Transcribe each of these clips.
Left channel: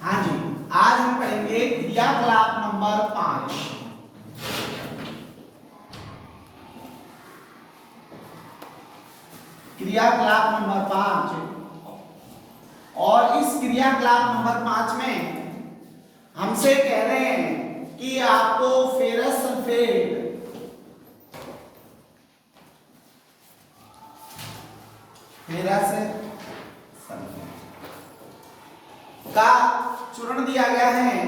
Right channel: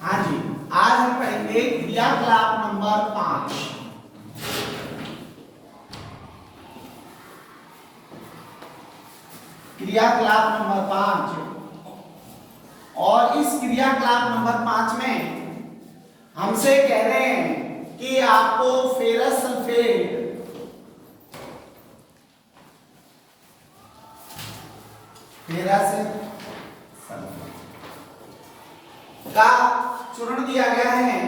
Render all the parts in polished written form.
हाँ जी, आज हम पढ़ेंगे क्रियाकलाप नंबर 5। क्रियाकलाप नंबर 5 और इस क्रियाकलाप नंबर 5 में हमसे कह रहे हैं कि आपको फेरस सल्फेट का चूर्ण दिया गया है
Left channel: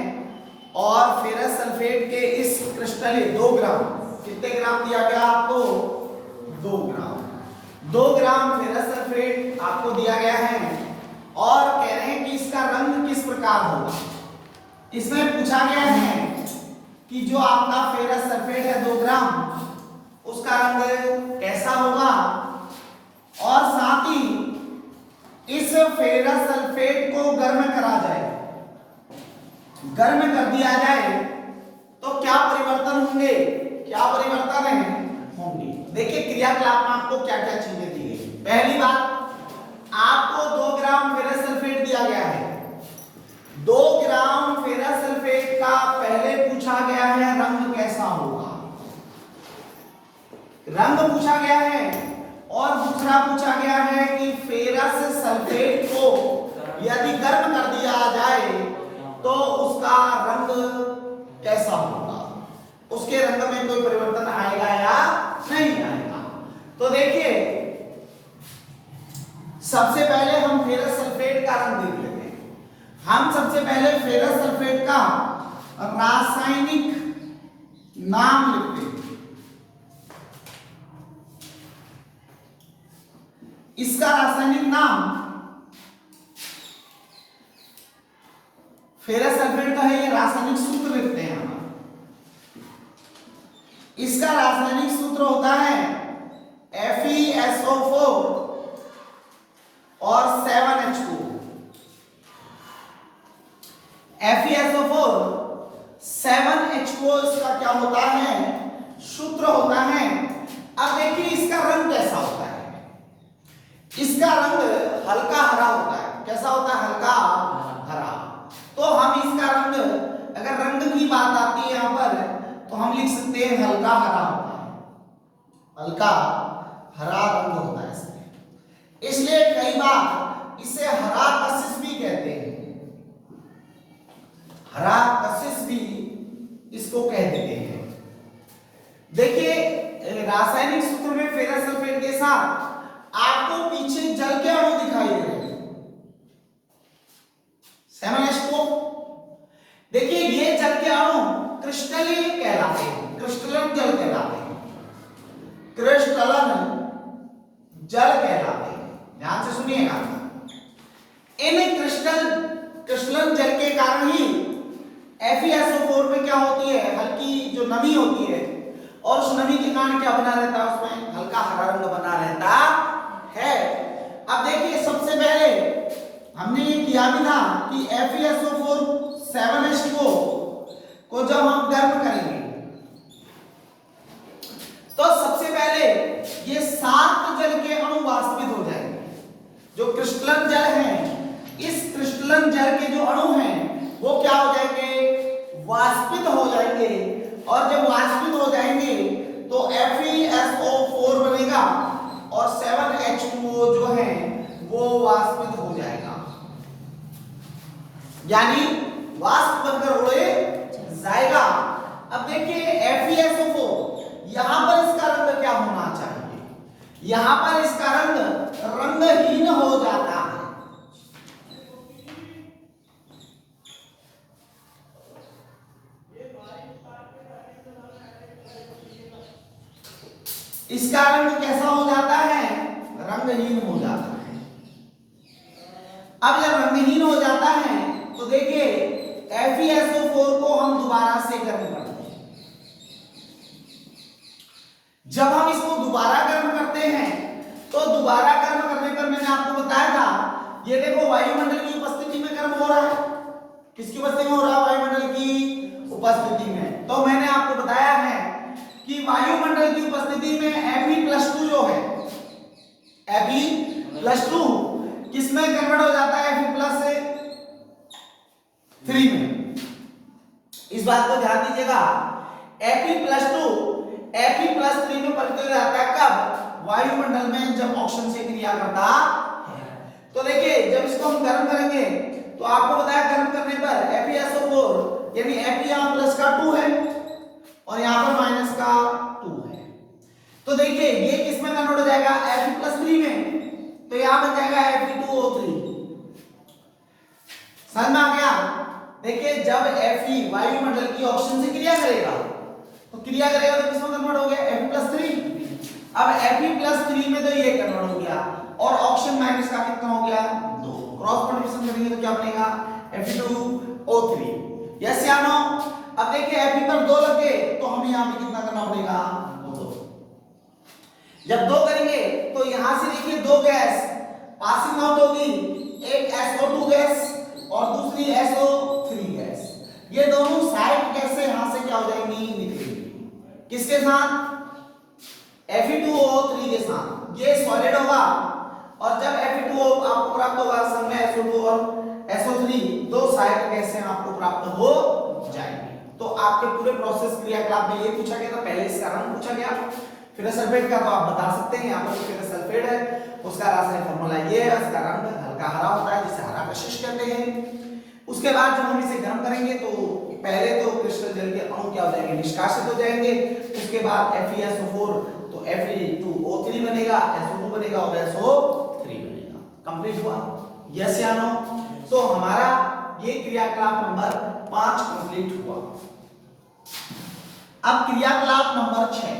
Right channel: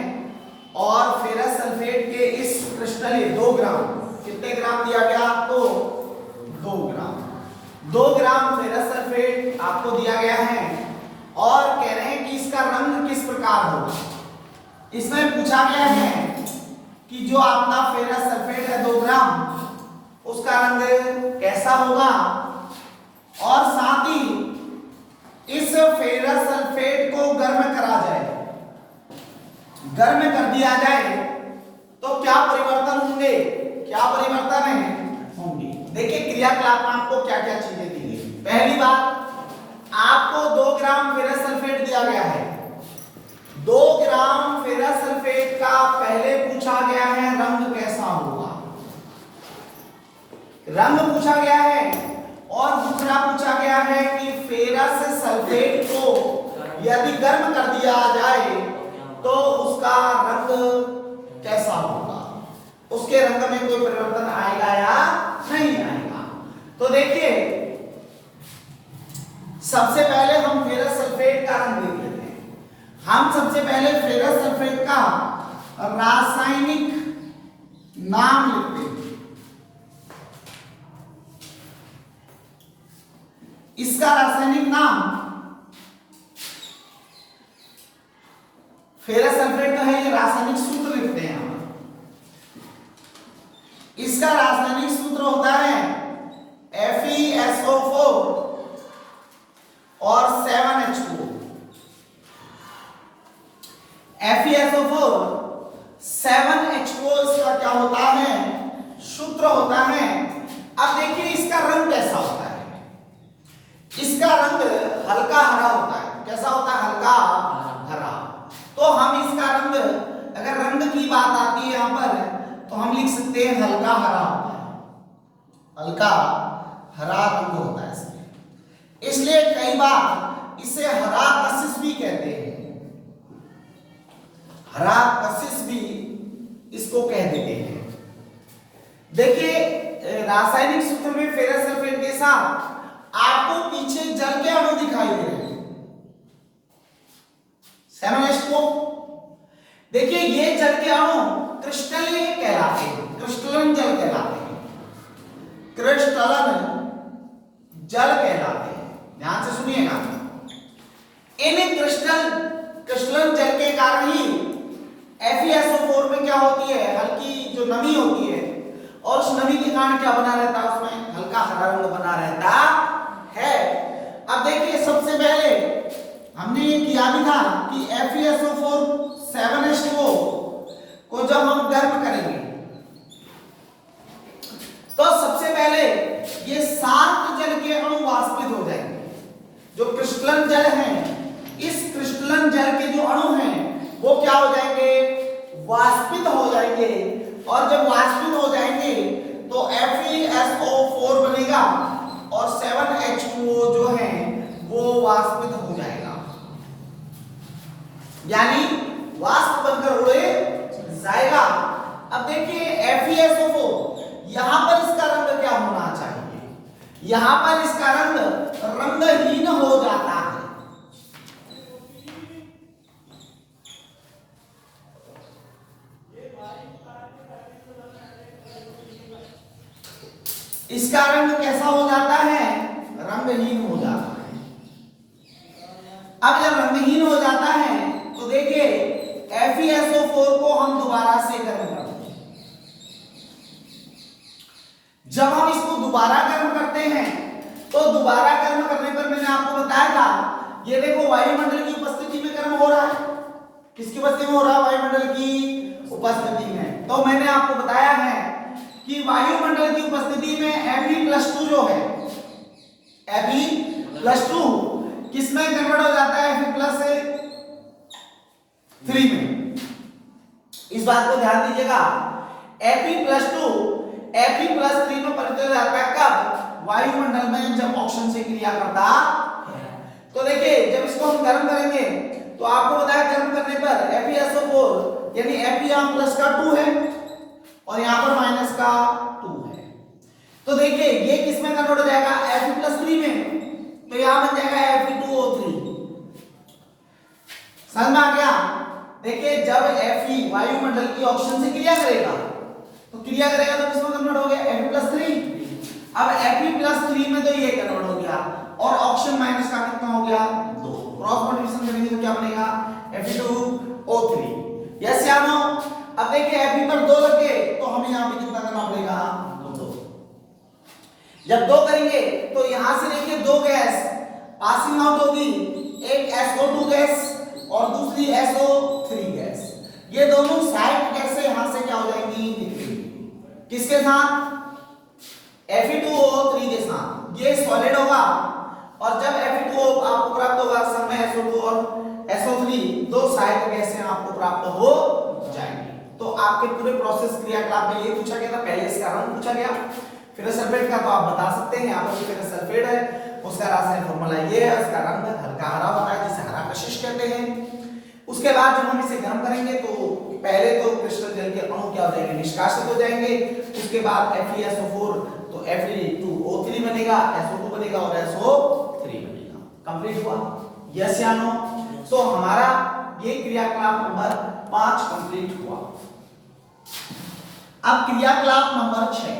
और फेरस सल्फेट के इस क्रिस्टल 2 ग्राम, कितने ग्राम दिया गया आपको? 2 ग्राम। 2 ग्राम फेरस सल्फेट आपको दिया गया है और कह रहे हैं कि इसका रंग किस प्रकार होगा। इसमें पूछा गया है कि जो आपका फेरस सल्फेट है 2 ग्राम, उसका रंग कैसा होगा और साथ ही इस फेरस सल्फेट को गर्म करा जाए, गर्म कर दिया जाए तो क्या परिवर्तन होंगे, क्या परिवर्तन होंगे। देखिए क्रियाकलाप में आपको क्या क्या चीजें दी गई। पहली बात, आपको 2 ग्राम फेरस सल्फेट दिया गया है। 2 ग्राम फेरस सल्फेट का पहले पूछा गया है रंग कैसा होगा, रंग पूछा गया है और दूसरा पूछा गया है कि फेरस सल्फेट को यदि गर्म कर दिया जाए तो उसका रंग कैसा होगा, उसके रंग में कोई परिवर्तन आएगा या नहीं आएगा। तो देखिए सबसे पहले हम फेरस सल्फेट का रंग देख लेते हैं। हम सबसे पहले फेरस सल्फेट का रासायनिक नाम लिखते हैं। इसका रासायनिक नाम फेरस सल्फेट का है, ये रासायनिक सूत्र लिखते हैं हम। इसका रासायनिक सूत्र होता है FeSO4 और 7H2O। FeSO4 7H2O इसका क्या होता है, सूत्र होता है। अब देखिए इसका रंग कैसा होता है। इसका रंग हल्का हरा होता है। कैसा होता है? हल्का हरा। तो हम इसका रंग, अगर रंग की बात आती है यहां पर, तो हम लिख सकते हैं हल्का हरा होता है, हल्का हरा रंग होता है इसमें। इसलिए कई बार इसे हरा कशिश भी कहते हैं, हरा कशिश भी इसको कह देते हैं। देखिए रासायनिक सूत्र में फेरस सल्फेट के साथ आपको पीछे जल के अणु दिखाई दे रहे हैं 7H2O। देखिए ये जल के अणु क्रिस्टलीय कहलाते हैं, क्रिस्टलन जल कहलाते हैं, क्रिस्टलन जल कहलाते हैं। ध्यान से सुनिएगा, इन क्रिस्टलन जल के कारण ही FeSO4 में क्या होती है, हल्की जो नमी होती है, और उस नमी के कारण क्या बना रहता है, उसमें हल्का हरा रंग बना रहता है। अब देखिए सबसे पहले हमने ये किया भी था कि FeSO4 7H2O को जब हम गर्म करेंगे तो सबसे पहले ये 7 जल के अणु वाष्पित हो जाएंगे। जो क्रिस्टलन जल है, इस क्रिस्टलन जल के जो अणु हैं वो क्या हो जाएंगे, वाष्पित हो जाएंगे। और जब वाष्पित हो जाएंगे तो FeSO4 बनेगा और 7H2O जो है वो वाष्पित हो जाएगा, यानी वाष्प बनकर उड़े जाएगा। अब देखिए FeSO4, यहां पर इसका रंग क्या होना चाहिए, यहां पर इसका रंग रंगहीन हो जाता है। इसका रंग कैसा हो जाता है, रंगहीन हो जाता है। अब जब रंगहीन हो जाता है तो देखिए FeSO4 को हम दोबारा से गर्म करते हैं। जब हम इसको दोबारा गर्म करते हैं तो दोबारा गर्म करने पर मैंने आपको बताया था, ये देखो वायुमंडल की उपस्थिति में गर्म हो रहा है। किसकी उपस्थिति में हो रहा है? वायुमंडल की उपस्थिति में। तो मैंने आपको बताया है कि वायुमंडल की उपस्थिति में Fe+2 जो है, Fe+2 किसमें कन्वर्ट हो जाता है? Fe+ से 3 में। इस बात को ध्यान दीजिएगा, Fe+2 Fe+3 में परिवर्तित हो जाता है कब? वायुमंडल में जब ऑक्सीजन से क्रिया करता है। तो देखिए जब इसको हम गर्म करेंगे तो आपको बताया गर्म करने पर FeSO4 यानी Fe यहाँ प्लस का 2 है और यहाँ पर माइनस का 2 है। तो देखिए ये किस में कन्वर्ट हो जाएगा? Fe+3 में। तो यहाँ बन जाएगा Fe2O3। समझ में आ गया? देखिए जब Fe वायुमंडल की ऑक्सीजन से क्रिया करेगा तो किसमें कन्वर्ट हो गया? Fe+3। अब Fe+3 में तो ये कन्वर्ट हो गया और ऑक्सीजन माइनस का कितना हो गया? 2। क्रॉस मल्टीप्लिकेशन करेंगे तो क्या बनेगा? Fe2O3। यस या नो? अब देखिए Fe पर 2 लग गए तो हमें यहाँ पे कितना करना पड़ेगा? 2। जब 2 करेंगे तो यहां से देखिए 2 गैस पासिंग आउट होगी, एक SO2 गैस और दूसरी SO3 गैस। ये दोनों साइड गैसें यहां से क्या हो जाएंगी? निकलेंगी। किसके साथ? Fe2O3 के साथ। ये सॉलिड होगा और जब Fe2O आपको प्राप्त होगा समय SO2 और SO3 दो साइड गैसें आपको प्राप्त हो जाएंगी। तो आपके पूरे प्रोसेस क्रियाकलाप में ये पूछा गया था, पहले इसका रंग पूछा गया, फेरस सल्फेट का तो आप बता सकते हैं, यहाँ पर फेरस सल्फेट है, उसका रासायनिक फॉर्मूला ये है, उसका रंग हल्का हरा होता है जिसे हरा कशिश कहते हैं। उसके बाद जब हम इसे गर्म करेंगे तो पहले तो क्रिस्टल जल के अणु क्या हो जाएंगे? निष्कासित हो जाएंगे। उसके बाद FeSO4 तो Fe2O3 बनेगा, SO2 बनेगा और SO3 बनेगा। कंप्लीट हुआ? यस या नो? तो हमारा ये क्रियाकलाप नंबर 5 कंप्लीट हुआ। अब क्रियाकलाप नंबर 6।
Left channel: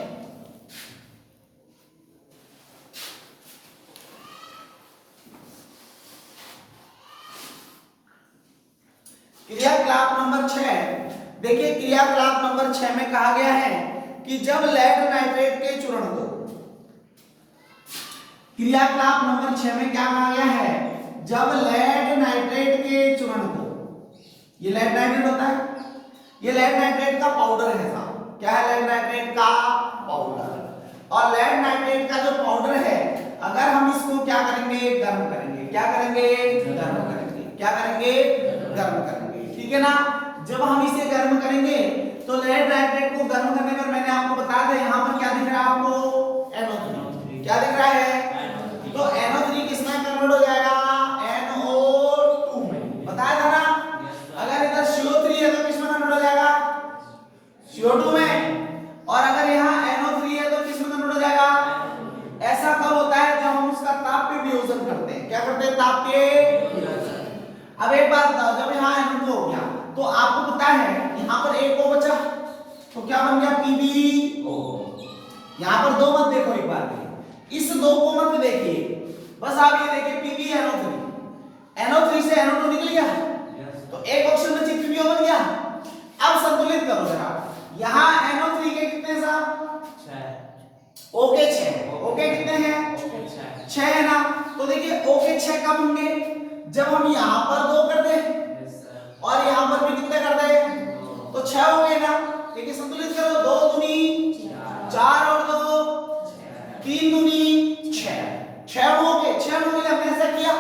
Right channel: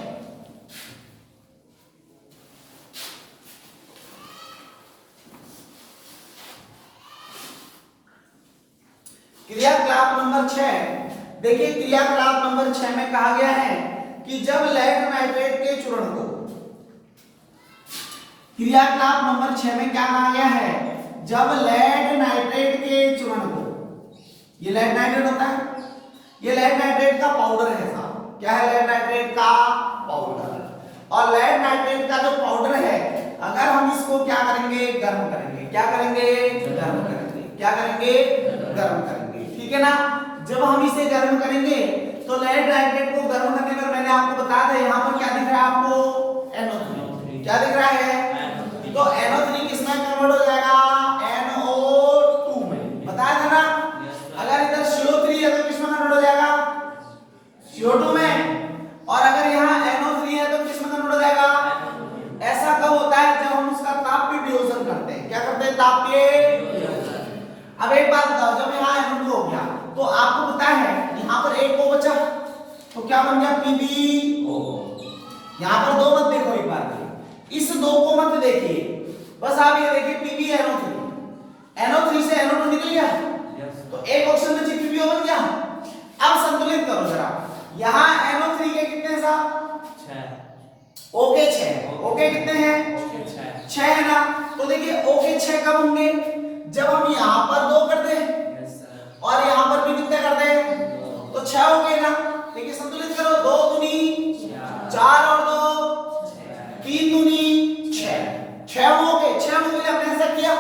क्रियाकलाप नंबर 6 देखिए, क्रियाकलाप नंबर 6 में कहा गया है कि जब लेड नाइट्रेट के चूर्ण को, क्रियाकलाप नंबर 6 में क्या कहा गया है? जब लेड नाइट्रेट के चूर्ण को, ये लेड नाइट्रेट होता है, ये लेड नाइट्रेट का पाउडर है साहब। क्या है? लेड नाइट्रेट का पाउडर। और लेड नाइट्रेट का जो पाउडर है, अगर हम इसको क्या करेंगे? गर्म करेंगे। क्या करेंगे? गर्म करेंगे। क्या करेंगे? गर्म करेंगे। ठीक है ना? जब हम इसे गर्म करेंगे तो लेड नाइट्रेट को गर्म करने पर मैंने आपको बताया था यहाँ पर क्या दिख रहा है आपको? NO3। क्या दिख रहा है? तो NO3 किसमें कन्वर्ट हो जाएगा? NO2 में। बताया था ना? अगर इधर CO3 है तो किसमें कन्वर्ट हो जाएगा? CO2 में। और अगर यहाँ NO3 है तो किसमें कन्वर्ट हो जाएगा? ऐसा कब होता है? जब हम उसका ताप पे वियोजन करते हैं। क्या करते हैं? ताप पे वियोजन। अब एक बात बताओ, जब यहाँ NO2 हो गया तो आपको पता है यहाँ पर एक O बचा तो क्या बन गया? PbO। यहाँ पर दो मत देखो, एक बार इस दो को मत देखिए, बस आप ये देखिए PbNO3। NO3 से NO2 निकल गया तो एक ऑक्सीजन में चित्र भी हो गया। अब संतुलित करो जरा, यहाँ NO3 के कितने साहब? 6। O के 6। O के कितने हैं? 6 है ना? तो देखिए O के 6 कब होंगे? जब हम यहाँ पर 2 कर दे और यहाँ पर भी कितने कर दे? तो 6 होंगे ना? देखिए संतुलित करो, 2 दूनी 4 और 2 3 दूनी 6। 6 हो गए। 6 हो गए, हमने ऐसा किया।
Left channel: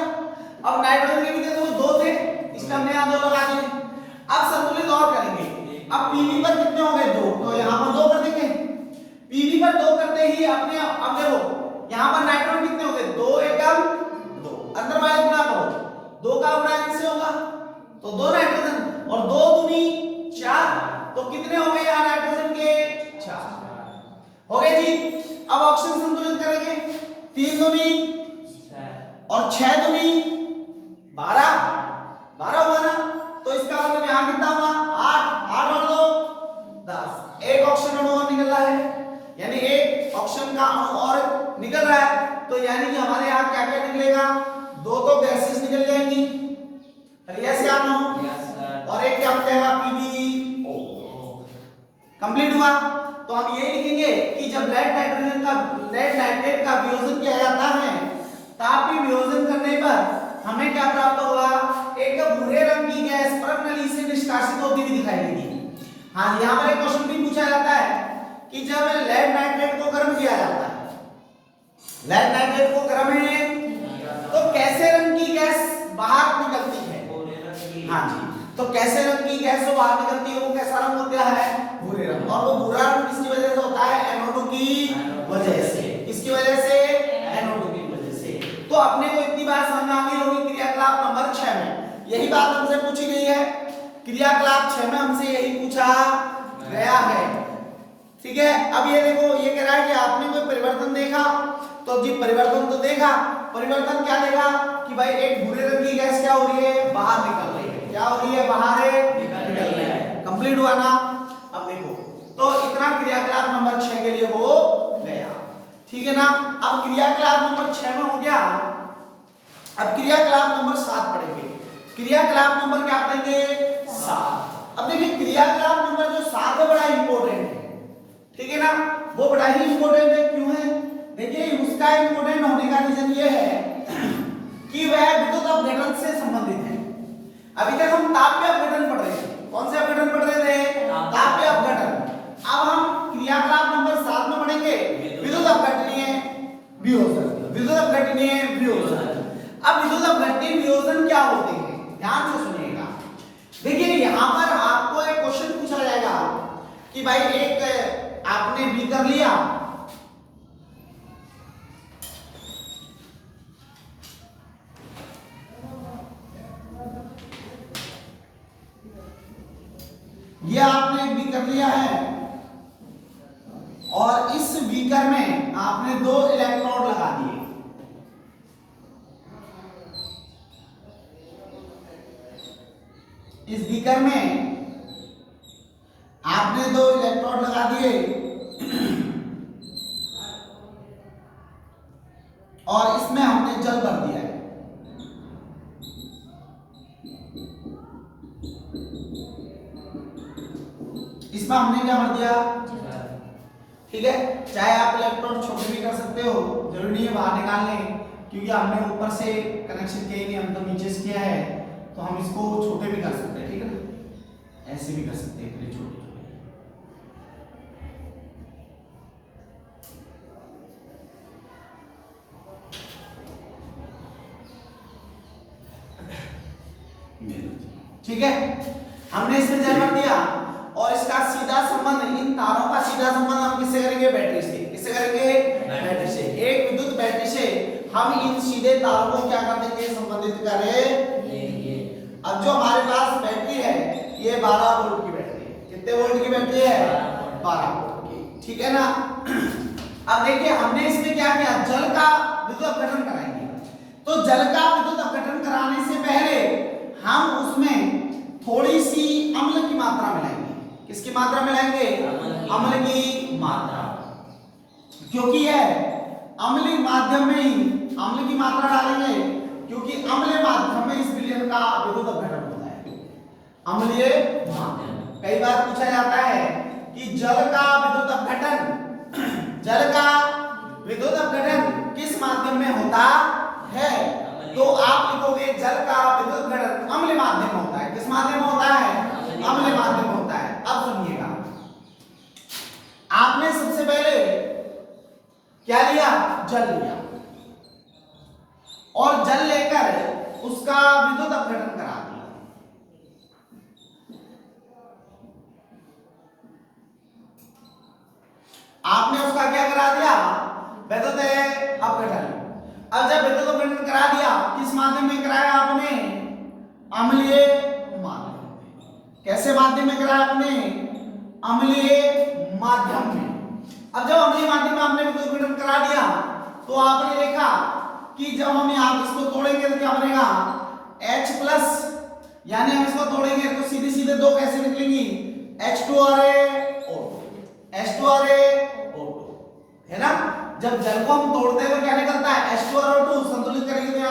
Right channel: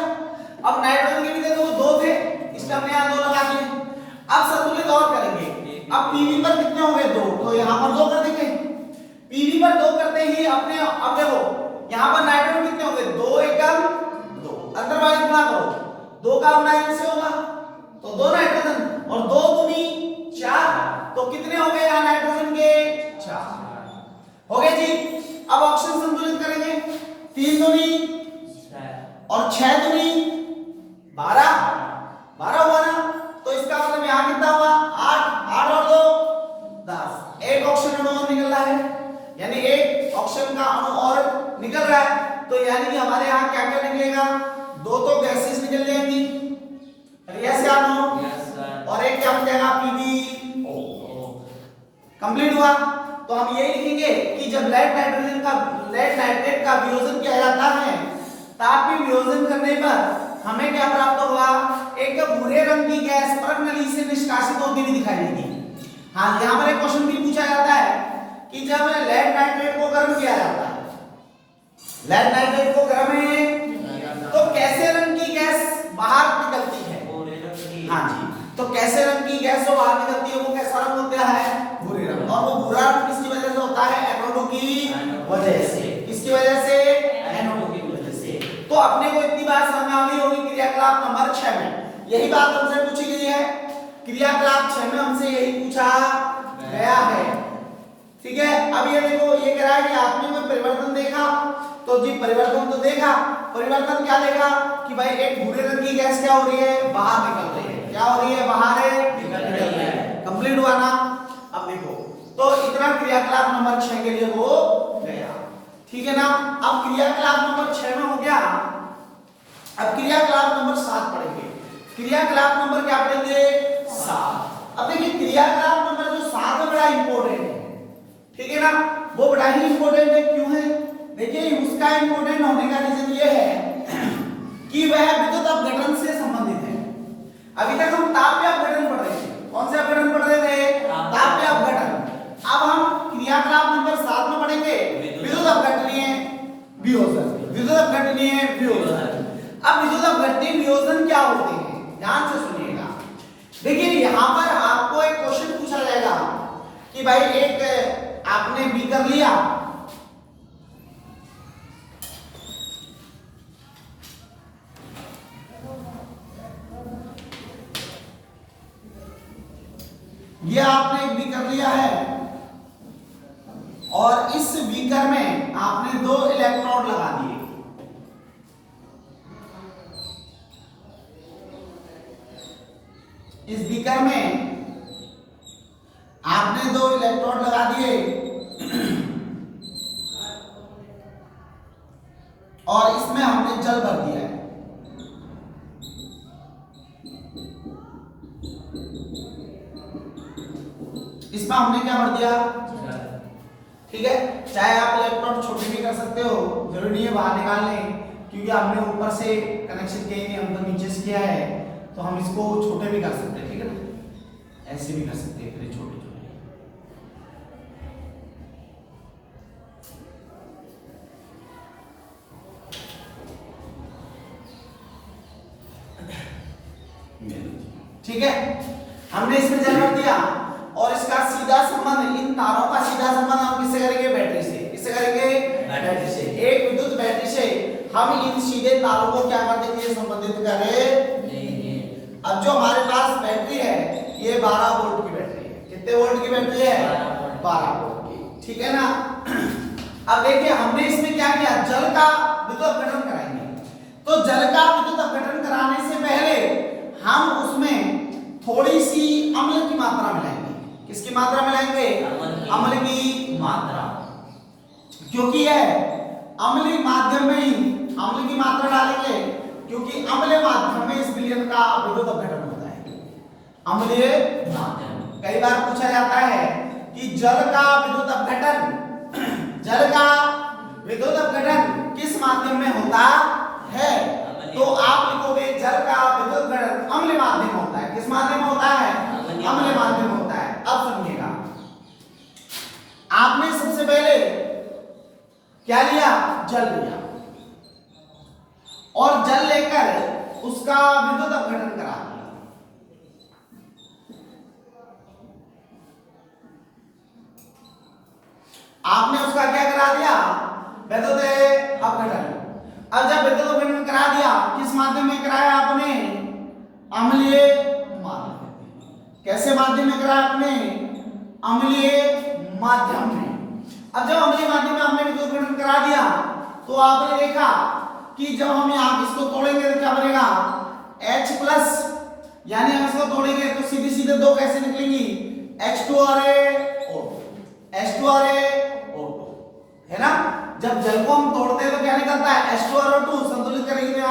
अब नाइट्रोजन के भी तो 2 थे, इसका हमने यहाँ 2 लगा दिए। अब संतुलित और करेंगे। अब Pb पर कितने हो गए? 2, तो यहाँ पर 2 कर देंगे। Pb पर 2 करते ही अपने, अब देखो यहाँ पर नाइट्रोजन कितने हो गए? 2 एकम 2, अंदर वाले गुणा करो, 2 का गुणा इनसे होगा तो 2 नाइट्रोजन और 2 दूनी 4, तो कितने हो गए यहाँ नाइट्रोजन के? 4 हो गए जी। अब ऑक्सीजन संतुलित करेंगे, 3 दूनी और 6 दूनी 12 होगा ना? तो इसका मतलब यहाँ कितना हुआ? 8 और 2 10। एक ऑक्सीजन अणु और निकल रहा है, यानी एक ऑक्सीजन का अणु और निकल रहा है। तो यानी कि हमारे यहाँ क्या क्या निकलेगा? 2 तो गैसेस निकल जाएंगी, यस या नो? और एक क्या बचेगा? PbO। कंप्लीट हुआ? तो हम ये लिखेंगे कि जब लेड नाइट्रेट का वियोजन किया जाता है, तापीय वियोजन करने पर हमें क्या प्राप्त होगा? एक भूरे रंग की गैस परत नली से निष्कासित होती हुई दिखाई देगी। हाँ, यहाँ पर एक क्वेश्चन भी पूछा जाता है कि जब लेड नाइट्रेट को गर्म किया जाता है, लेड नाइट्रेट को गर्म है तो कैसे रंग की गैस बाहर निकलती है? हाँ जी, तो कैसे रंग की गैस जो बाहर निकलती है वो कैसा रंग होता है? भूरे रंग। और वो भूरा रंग किसकी वजह से होता है? एनोड की वजह से। किसकी वजह से? एनोड की वजह से। तो अपने को इतनी बात समझ आ गई होगी क्रियाकलाप नंबर 6 में यही बात हमसे पूछी गई है। क्रियाकलाप 6 में हमसे यही पूछा गया है। ठीक है, अब ये देखो, ये कह रहा है कि आपने कोई परिवर्तन देखा, तो जी परिवर्तन तो देखा। परिवर्तन क्या देखा कि भाई एक भूरे रंग की गैस क्या हो रही है? बाहर निकल रही है। क्या हो रही है? बाहर निकल रही है। कंप्लीट हुआ ना? अब देखो, तो इतना क्रियाकलाप नंबर 6 के लिए हो गया। ठीक है ना? अब क्रियाकलाप नंबर 6 में हो गया। अब क्रियाकलाप नंबर 7 पढ़ेंगे। क्रियाकलाप नंबर क्या पढ़ेंगे? 7। अब देखिए क्रियाकलाप नंबर जो 7 है बड़ा इंपॉर्टेंट है। ठीक है ना? वो बड़ा ही इंपॉर्टेंट है। क्यों है? देखिए उसका इंपॉर्टेंट होने का रीजन ये है कि वह विद्युत अपघटन से संबंधित है। अभी तक हम ताप्य अपघटन पढ़ रहे थे। कौन से अपघटन पढ़ रहे थे? ताप्य अपघटन। अब हम क्रियाकलाप नंबर 7 में पढ़ेंगे विद्युत अपघटनीय वियोजन। विद्युत अपघटनीय वियोजन। अब विद्युत अपघटनीय वियोजन क्या होते हैं? ध्यान से सुनिएगा। देखिए यहां पर आपको एक क्वेश्चन पूछा जाएगा कि भाई एक आपने बीकर लिया, ये आपने एक बीकर लिया है और इस बीकर में आपने 2 इलेक्ट्रोड लगा दिए। इस बीकर में आपने 2 इलेक्ट्रोड लगा दिए और इसमें हमने जल भर दिया है। इसमें हमने क्या भर दिया? ठीक है, चाहे आप इलेक्ट्रोड छोटे भी कर सकते हो, जरूरी नहीं है बाहर निकालने, क्योंकि हमने ऊपर से कनेक्शन किया नहीं, हम तो नीचे से किया है, तो हम इसको छोटे भी कर सकते हैं। ठीक है ना? ऐसे भी कर सकते हैं, फिर छोटे छोटे। ठीक है, हमने इसमें जल भर दिया और इसका सीधा संबंध, इन तारों का सीधा संबंध हम किससे करेंगे? बैटरी से। किससे करेंगे? बैटरी से। एक विद्युत बैटरी से हम इन सीधे तारों को क्या कर देंगे? संबंधित करेंगे। अब जो हमारे पास बैटरी है ये 12 वोल्ट की बैटरी है। कितने वोल्ट की बैटरी है? 12 वोल्ट की। ठीक है ना? अब देखिए हमने इसमें क्या किया? जल का विद्युत अपघटन कराएंगे। तो जल का विद्युत अपघटन कराने से पहले हम उसमें थोड़ी सी अम्ल की मात्रा मिलाएंगे। किसकी मात्रा मिलाएंगे? अम्ल की मात्रा। क्योंकि यह अम्लीय माध्यम में ही अम्ल की मात्रा डालेंगे, क्योंकि अम्लीय माध्यम में इस विलयन का विद्युत अपघटन होता है। अम्लीय माध्यम। कई बार पूछा जाता है कि जल का विद्युत अपघटन किस माध्यम में होता है? तो आप लिखोगे जल का विद्युत अपघटन अम्लीय माध्यम होता है। किस माध्यम में होता है? अम्लीय माध्यम होता है। अब सुनिएगा, आपने सबसे पहले क्या लिया? जल लिया और जल लेकर उसका विद्युत अपघटन करा दिया। आपने उसका क्या करा दिया? विद्युत अपघटन। अब जब विद्युत अपघटन करा दिया, किस माध्यम में कराया आपने? अम्लीय माध्यम। कैसे माध्यम में कराया आपने? अम्लीय माध्यम में। अब जब अम्लीय माध्यम में आपने विद्युत अपघटन करा दिया तो आपने देखा कि जब हम यहां इसको तोड़ेंगे तो क्या बनेगा? H+, यानी हम इसको तोड़ेंगे तो सीधे सीधे 2 कैसे निकलेंगी? H2RaO2। H2RaO2 है ना? जब जल को हम तोड़ते हैं तो क्या निकलता है? H2RO2 संतुलित करेंगे तो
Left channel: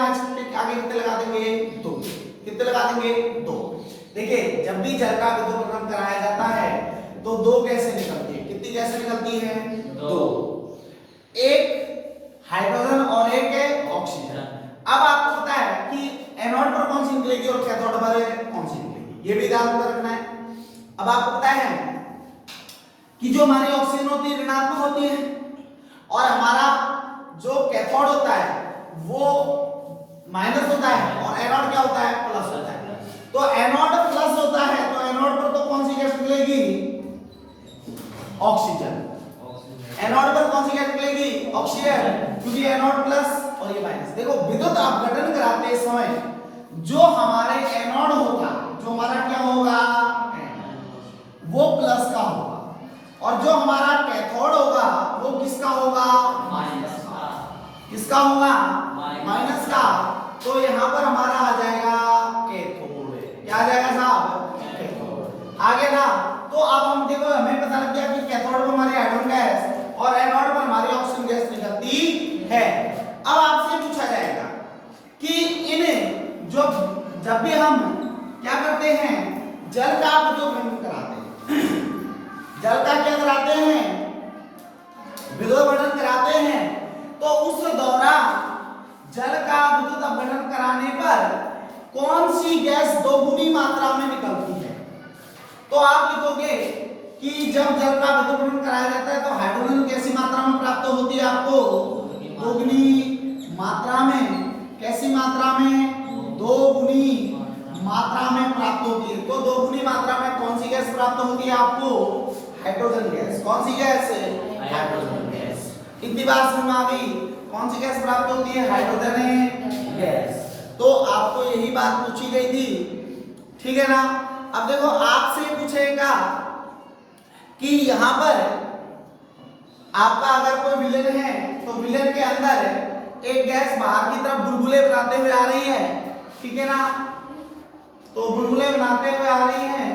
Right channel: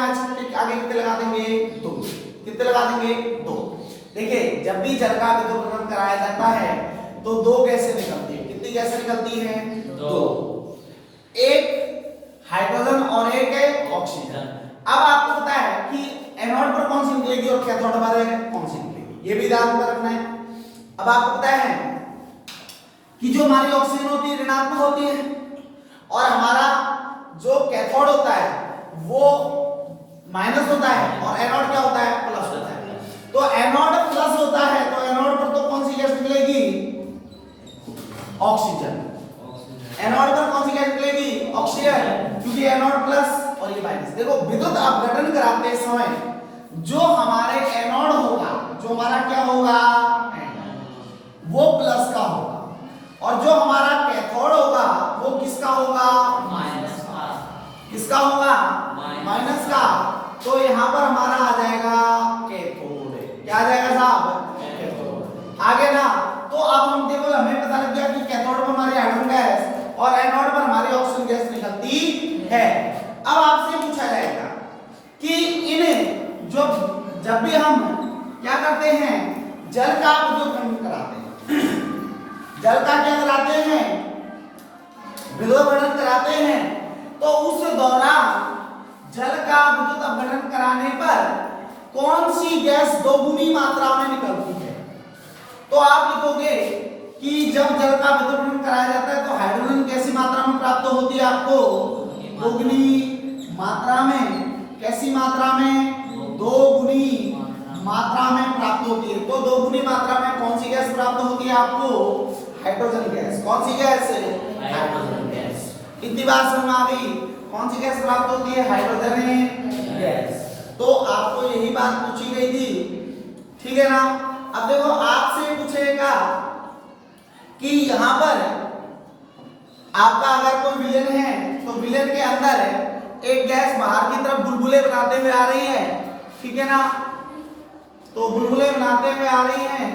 आगे कितने लगा देंगे? 2। कितने लगा देंगे? 2। देखिए जब भी जल का विद्युत अपघटन कराया जाता है तो 2 गैसें निकलती है। कितनी गैसें निकलती हैं? 2। एक हाइड्रोजन और एक है ऑक्सीजन। अब आपको पता है कि एनोड पर कौन सी निकलेगी और कैथोड पर कौन सी निकलेगी, ये भी ध्यान में रखना है। अब आपको पता है कि जो हमारी ऑक्सीजन होती है ऋणात्मक होती है और हमारा जो कैथोड होता है वो माइनस होता है और एनोड क्या होता है? प्लस होता है। तो एनोड प्लस होता है तो एनोड पर तो कौन सी गैस निकलेगी? ऑक्सीजन। एनोड पर कौन सी गैस निकलेगी? ऑक्सीजन, क्योंकि एनोड प्लस और ये माइनस। देखो विद्युत अपघटन कराते समय जो हमारे एनोड होगा, जो हमारा क्या होगा, वो प्लस का होगा, और जो हमारा कैथोड होगा वो किसका होगा? माइनस का। किसका होगा? माइनस का। तो यहाँ पर हमारा आ जाएगा कैथोड। क्या आ जाएगा साहब? कैथोड। आगे ना, तो अब हम देखो हमें पता लग गया कि कैथोड पर हमारी हाइड्रोजन गैस और एनोड पर हमारी ऑक्सीजन गैस निकलती है। अब आपसे पूछा जाएगा कि इन्हें जो जब भी हम क्या करते हैं, जल का विद्युत कराते हैं, जल का क्या कराते हैं? विद्युत अपघटन कराते हैं, तो उस दौरान जल का विद्युत अपघटन कराने पर कौन सी गैस दोगुनी मात्रा में निकलती है? तो आप लिखोगे कि जब जल का विद्युत अपघटन कराया जाता है तो हाइड्रोजन कैसी मात्रा में प्राप्त होती है आपको? दोगुनी मात्रा में। कैसी मात्रा में? दोगुनी मात्रा में प्राप्त होती है। तो दोगुनी मात्रा में कौन सी गैस प्राप्त होती है आपको? Hydrogen gas. कौन सी गैस? Hydrogen gas. इतनी बात समझ में आ गई? कौन सी गैस प्राप्त होती है? Hydrogen gas. तो आपको यही बात पूछी गई थी, ठीक है ना। अब देखो आपसे पूछेगा कि यहाँ पर आपका अगर कोई विलेन है तो विलेन के अंदर एक गैस बाहर की तरफ बुलबुले बनाते हुए आ रही है, ठीक है ना। तो बुलबुले बनाते हुए आ रही है,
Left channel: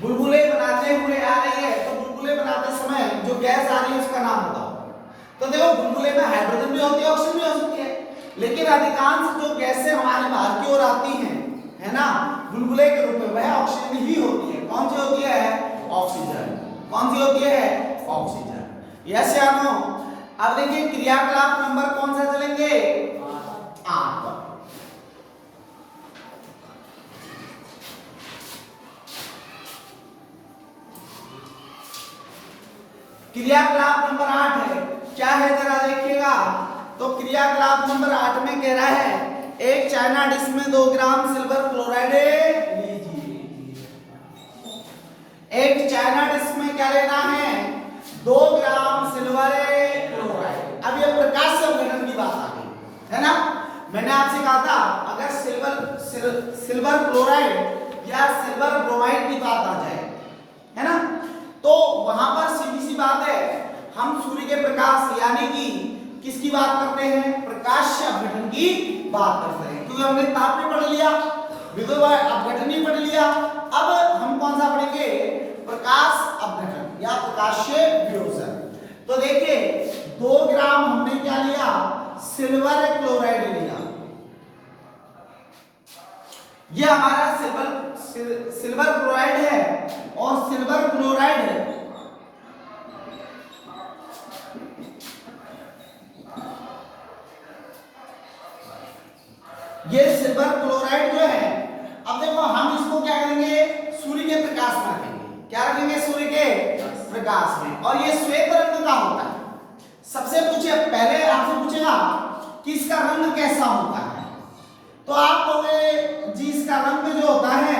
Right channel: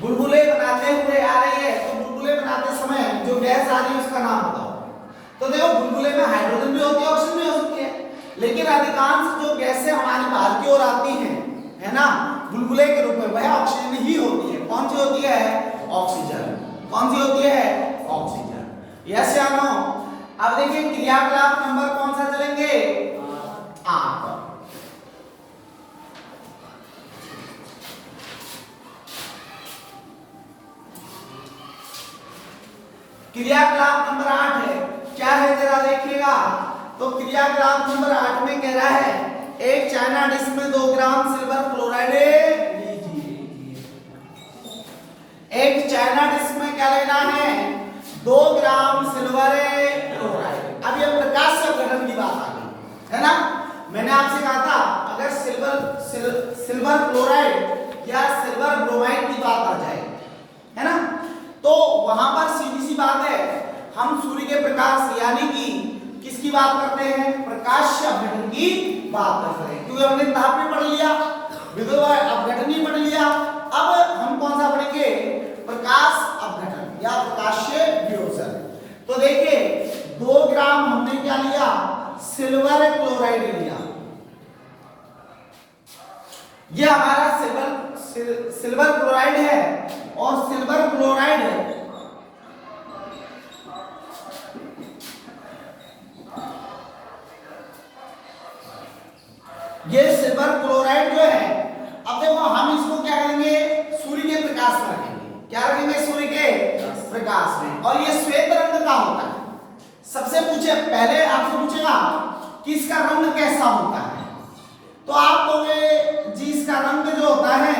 बुलबुले बनाते हुए आ रही है। तो बुलबुले बनाते समय जो गैस आ रही है उसका नाम बताओ। तो देखो बुलबुले में हाइड्रोजन भी होती है, ऑक्सीजन भी हो सकती है, लेकिन अधिकांश जो गैसें हमारी बाहर की ओर आती हैं, है ना, बुलबुले के रूप में, वह ऑक्सीजन ही होती है। कौन सी होती है? ऑक्सीजन। कौन सी होती है? ऑक्सीजन। यस या नो? अब देखिए क्रियाकलाप नंबर कौन सा चलेंगे? 8 पर। क्रियाकलाप नंबर 8 है, क्या है जरा देखिएगा। तो क्रियाकलाप नंबर 8 में कह रहा है एक चाइना डिश में 2 ग्राम सिल्वर क्लोराइड लीजिए। एक चाइना डिश में क्या लेना है? 2 ग्राम सिल्वर क्लोराइड। अब ये प्रकाश से अपघटन की बात आ गई, है ना। मैंने आपसे कहा था अगर सिल्वर क्लोराइड या सिल्वर ब्रोमाइड की बात आ जाए, है ना, तो वहां पर सीधी सी बात है, हम सूर्य के प्रकाश यानी कि किसकी बात करते हैं? प्रकाश से अपघटन की बात करते हैं, क्योंकि हमने ताप भी पढ़ लिया, विद्युत अपघटन भी पढ़ लिया। अब हम कौन सा पढ़ेंगे? प्रकाश अपघटन या प्रकाशीय वियोजन। तो देखिए 2 ग्राम हमने क्या लिया? सिल्वर क्लोराइड लिया। ये हमारा सिल्वर क्लोराइड है, और सिल्वर क्लोराइड ये सिल्वर क्लोराइड जो है, अब देखो हम इसको क्या करेंगे? सूर्य के प्रकाश में रखेंगे। क्या रखेंगे? सूर्य के प्रकाश में। और ये श्वेत रंग का होता है। सबसे पूछे पहले आपसे पूछेगा कि इसका रंग कैसा होता है, तो आप कहोगे जी इसका रंग जो होता है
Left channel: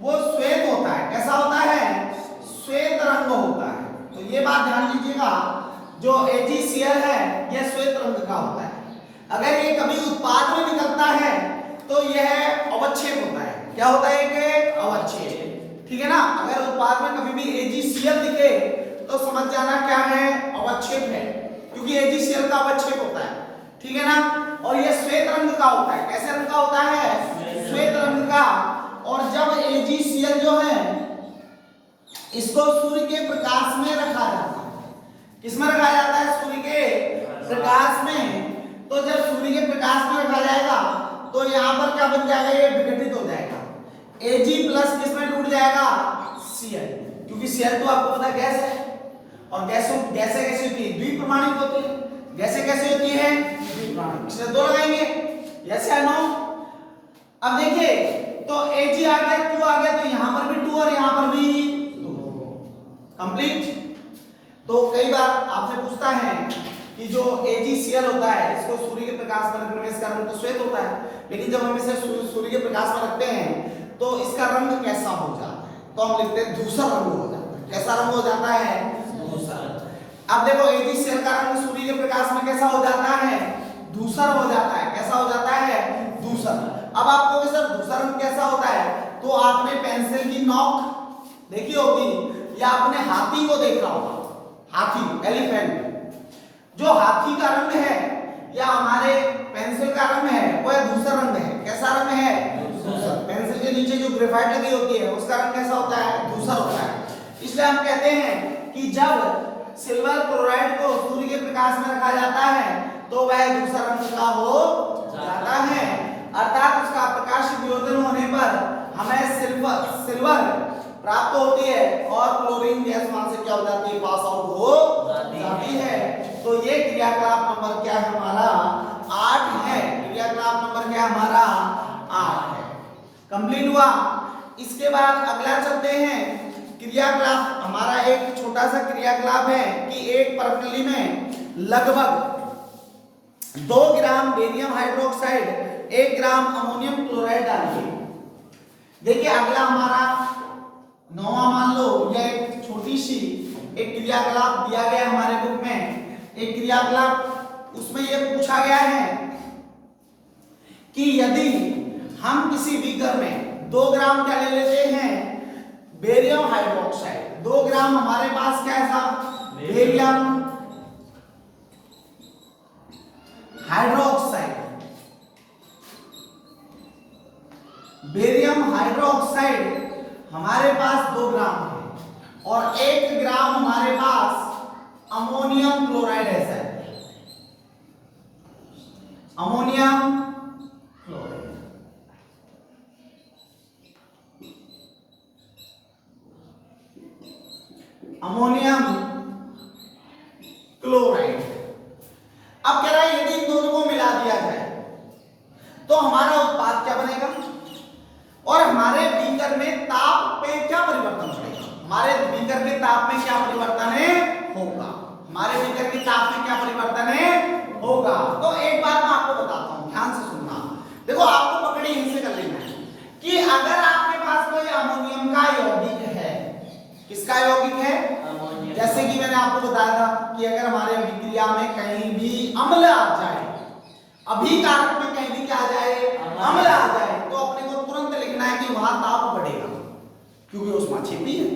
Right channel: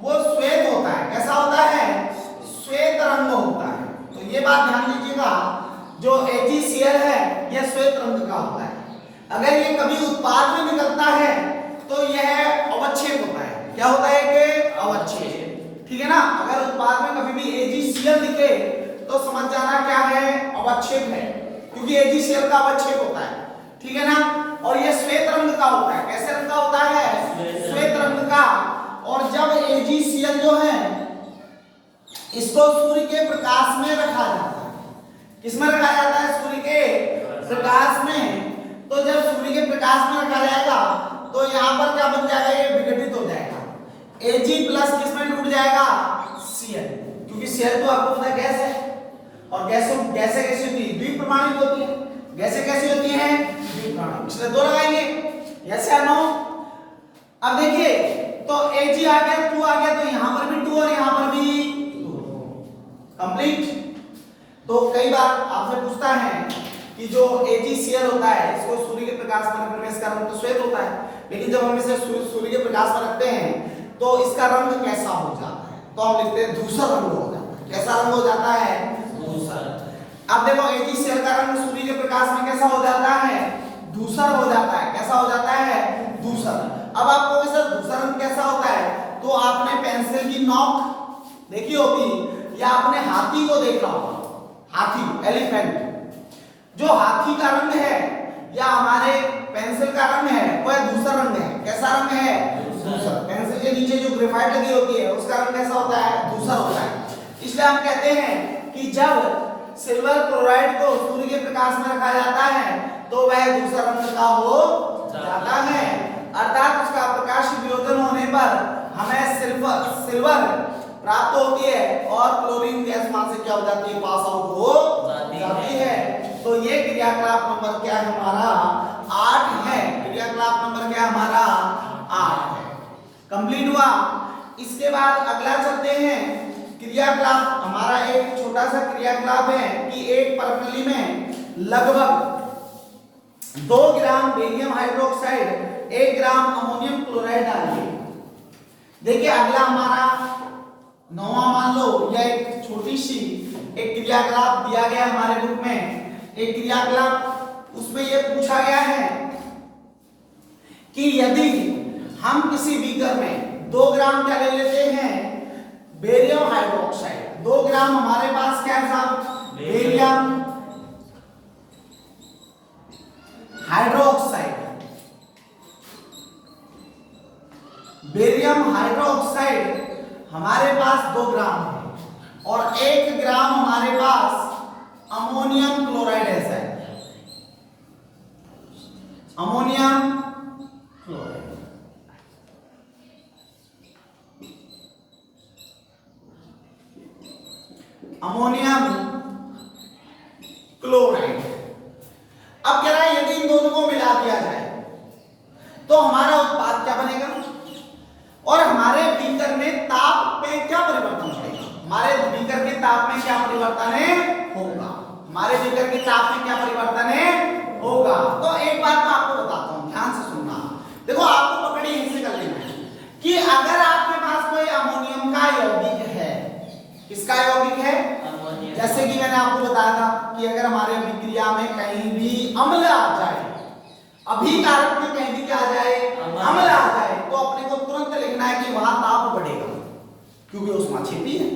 वो श्वेत होता है। कैसा होता है? श्वेत रंग होता है। तो ये बात ध्यान लीजिएगा, जो AgCl है यह श्वेत रंग का होता है। अगर ये कभी उत्पाद में निकलता है तो यह अवच्छेद होता है। क्या होता है? कि अवच्छेद, ठीक है ना। अगर उत्पाद में कभी भी AgCl दिखे तो समझ जाना क्या है? अवच्छेद है, क्योंकि AgCl का अवच्छेद होता है, ठीक है ना। और यह श्वेत रंग का होता है। कैसे रंग का होता है? श्वेत रंग का। और जब AgCl जो है इसको सूर्य के प्रकाश में रखा जाता है। किसमें रखा जाता है? सूर्य के प्रकाश में। तो जब सूर्य के प्रकाश में रखा जाएगा तो यहाँ पर क्या बन जाएगा? ये विघटित हो जाएगा। Ag प्लस किसमें टूट जाएगा? Cl, क्योंकि Cl तो आपको पता गैस है, और गैसें कैसी होती है? द्विप्रमाणिक होती है। गैसें कैसी होती हैं? द्विप्रमाणिक। इसलिए 2 लगाएंगे। यस या नो? अब देखिए तो Ag आ गया, 2 आ गया, तो यहाँ पर भी 2 और यहाँ पर भी 2 कंप्लीट। तो कई बार आपसे पूछता है कि जो AgCl होता है इसको सूर्य के प्रकाश में रखने में इसका रंग तो श्वेत होता है, लेकिन जब हम इसे सूर्य के प्रकाश में रखते हैं तो इसका रंग कैसा हो जाता है, तो हम लिखते हैं धूसर रंग हो जाता है। कैसा रंग हो जाता है? धूसर। अब देखो AgCl का रंग सूर्य के प्रकाश में कैसा हो जाता है? धूसर हो जाता है। कैसा हो जाता है? धूसर। अब आपको सर धूसर रंग कैसा होता है, तो आपने पेंसिल की नोक देखी होगी या आपने हाथी को देखा होगा, हाथी एलिफेंट, जो हाथी का रंग है या हमारे पेंसिल का रंग है वो धूसर रंग है। कैसा रंग है? धूसर। पेंसिल के नीचे जो ग्रेफाइट लगी होती है उसका रंग कैसा होता है? धूसर होता है। इसलिए हम कहते हैं कि जब सिल्वर क्लोराइड को सूर्य के प्रकाश में रखा जाता है तो वह धूसर रंग का हो जाता है, अर्थात उसका प्रकाश वियोजन होने पर हमें सिल्वर प्राप्त होती है और क्लोरीन गैस वहां से क्या हो जाती है? पास आउट हो जाती है। तो ये क्रियाकलाप नंबर क्या है हमारा? 8 है। क्रियाकलाप नंबर क्या हमारा? 8 है। कंप्लीट हुआ। इसके बाद अगला चलते हैं क्रियाकलाप। हमारा एक छोटा सा क्रियाकलाप है कि एक प्रणाली में लगभग 2 ग्राम बेरियम हाइड्रोक्साइड 1 ग्राम अमोनियम क्लोराइड डालिए। देखिए अगला हमारा 9वां मान लो या एक छोटी सी एक क्रियाकलाप दिया गया हमारे बुक में। एक क्रियाकलाप उसमें ये पूछा गया है कि यदि हम किसी बीकर में 2 ग्राम क्या ले लेते हैं? Barium hydroxide. 2 ग्राम हमारे पास क्या है साहब? Barium hydroxide. बेरियम हाइड्रोक्साइड हमारे पास 2 ग्राम है और 1 ग्राम हमारे पास अमोनियम क्लोराइड है sir. Ammonium chloride, ammonium chloride. अब कह रहा है यदि इन दोनों को मिला दिया जाए तो हमारा उत्पाद क्या बनेगा और हमारे बीकर में ताप में क्या परिवर्तन होगा? हमारे बीकर के ताप में क्या परिवर्तन होगा? हमारे बीकर के ताप में क्या परिवर्तन होगा? तो एक बात मैं आपको बताता हूं, ध्यान से सुनना। देखो आपको पकड़ी यहीं से कर लेना है कि अगर आपके पास कोई अमोनियम का यौगिक है, किसका यौगिक है? जैसे कि मैंने आपको बताया कि अगर हमारे विक्रिया में कहीं भी अम्ल आ जाए, अभिकारक में कहीं भी क्या आ जाए? अम्ल आ जाए, तो अपने को तुरंत लिखना है कि वहां ताप बढ़ेगा क्योंकि उसमें क्षेपी है।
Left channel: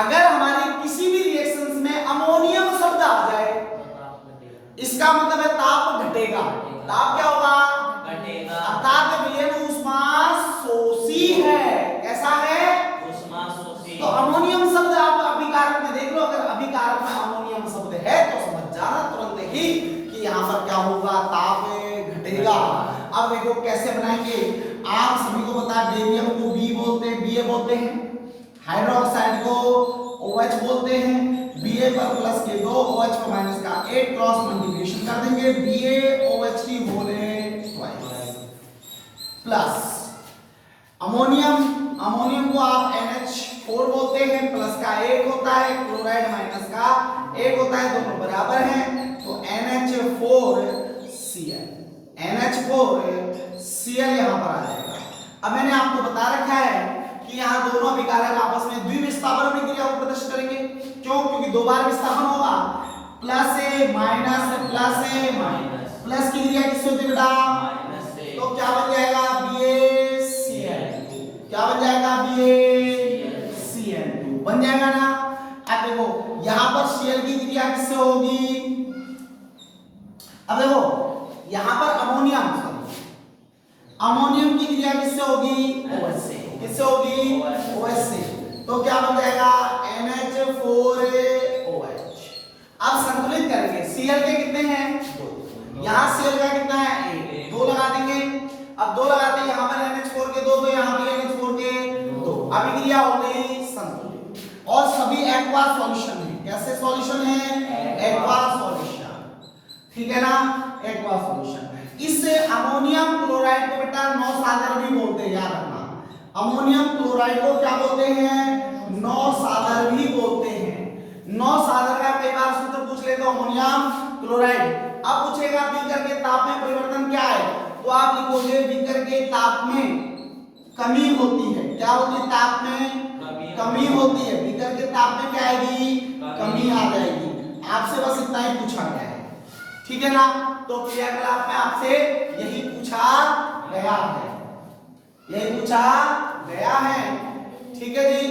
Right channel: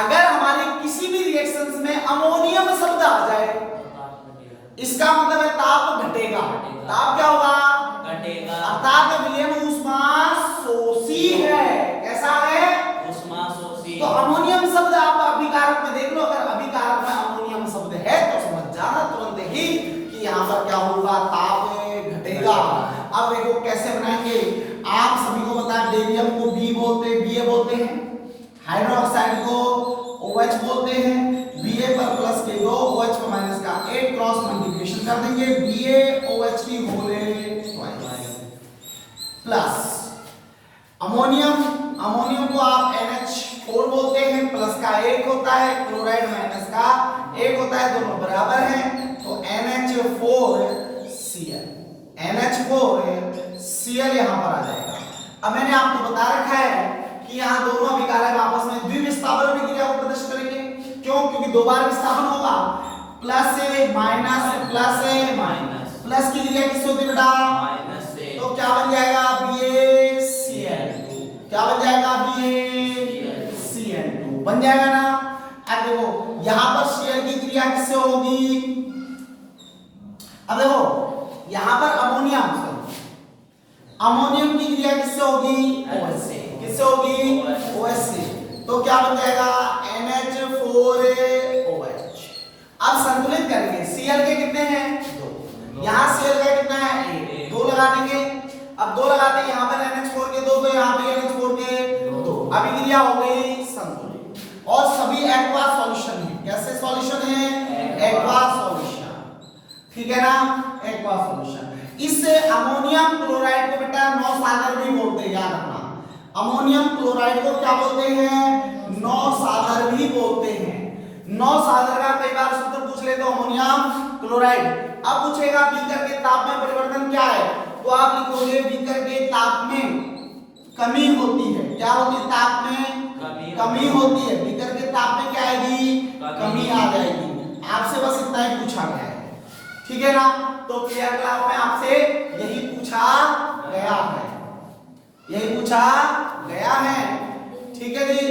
अगर हमारे किसी भी रिएक्शंस में अमोनियम शब्द आ जाए इसका मतलब है ताप घटेगा। ताप क्या होगा? घटेगा। अर्थात विलयन ऊष्मा शोषी है। कैसा है? ऊष्मा शोषी। तो अमोनियम शब्द आप अभिकारक में देख लो, अगर अभिकारक में अमोनियम शब्द है तो समझ जाना तुरंत ही कि यहाँ पर क्या होगा? ताप घटेगा। अब देखो कैसे बनाएंगे। आप सभी को पता है बेरियम को Ba बोलते हैं, हाइड्रोक्साइड को OH बोलते हैं। Ba पर प्लस के 2 OH पर माइनस का 8 क्रॉस मल्टीप्लिकेशन कर देंगे BaOH की होल प्लस अमोनियम को आप NH4 बोलते हैं, प्लस का 1 होता है, क्लोराइड माइनस का 1 होता है, दोनों बराबर हैं तो NH4Cl यहां पर आ जाएगा। अब मैंने आपको बता रखा है कि यहाँ दोनों अभिकारक आपस में द्विविस्थापन की क्रिया को प्रदर्शित करेंगे। क्यों? क्योंकि 2 बार विस्थापन होगा। प्लस ए माइनस प्लस की क्रिया किससे होती है बेटा? माइनस से। तो क्या बन जाएगा? BaCl2। क्या बन जाएगा? BaCl2 बन जाएगा ना। अब देखो यहाँ पर Cl की क्रिया किससे होगी? अब देखो यहाँ पर अमोनियम की क्रिया किससे होगी? OH से। किससे होगी? OH से। तो क्या बन जाएगा? NH4OH। अब संतुलित करेंगे। Cl के कितने हैं? 2। यहाँ Cl का कितना है? 1। 2 लगा देंगे। अब 2 लगाते हैं, यहाँ पर NH4 के 2 तो यहाँ पे NH4 के 2। अभिक्रिया हो गई संतुलित और सभी एक्वा सॉल्यूशन है। कैसे सॉल्यूशन है? एक्वा सॉल्यूशन, ठीक है ना? Aqua solution. इस अमोनियम क्लोराइड को बेटा 9 सागर भी बोलते हैं, याद रखना। अमोनियम क्लोराइड को क्या बोलते हैं? 9 सागर भी बोलते हैं। 9 सागर का कई बार सूत्र पूछ ले तो अमोनियम क्लोराइड। अब पूछेगा बीकर के ताप में परिवर्तन क्या है, तो आप लिखोगे बीकर के ताप में कमी होती है। क्या होती है? ताप में कमी होती है। बीकर के ताप में क्या आएगी? कमी आ जाएगी। आपसे बस इतना ही पूछा गया है, ठीक है ना। तो क्रियाकलाप में आपसे यही पूछा गया है, यही पूछा गया है, ठीक है जी।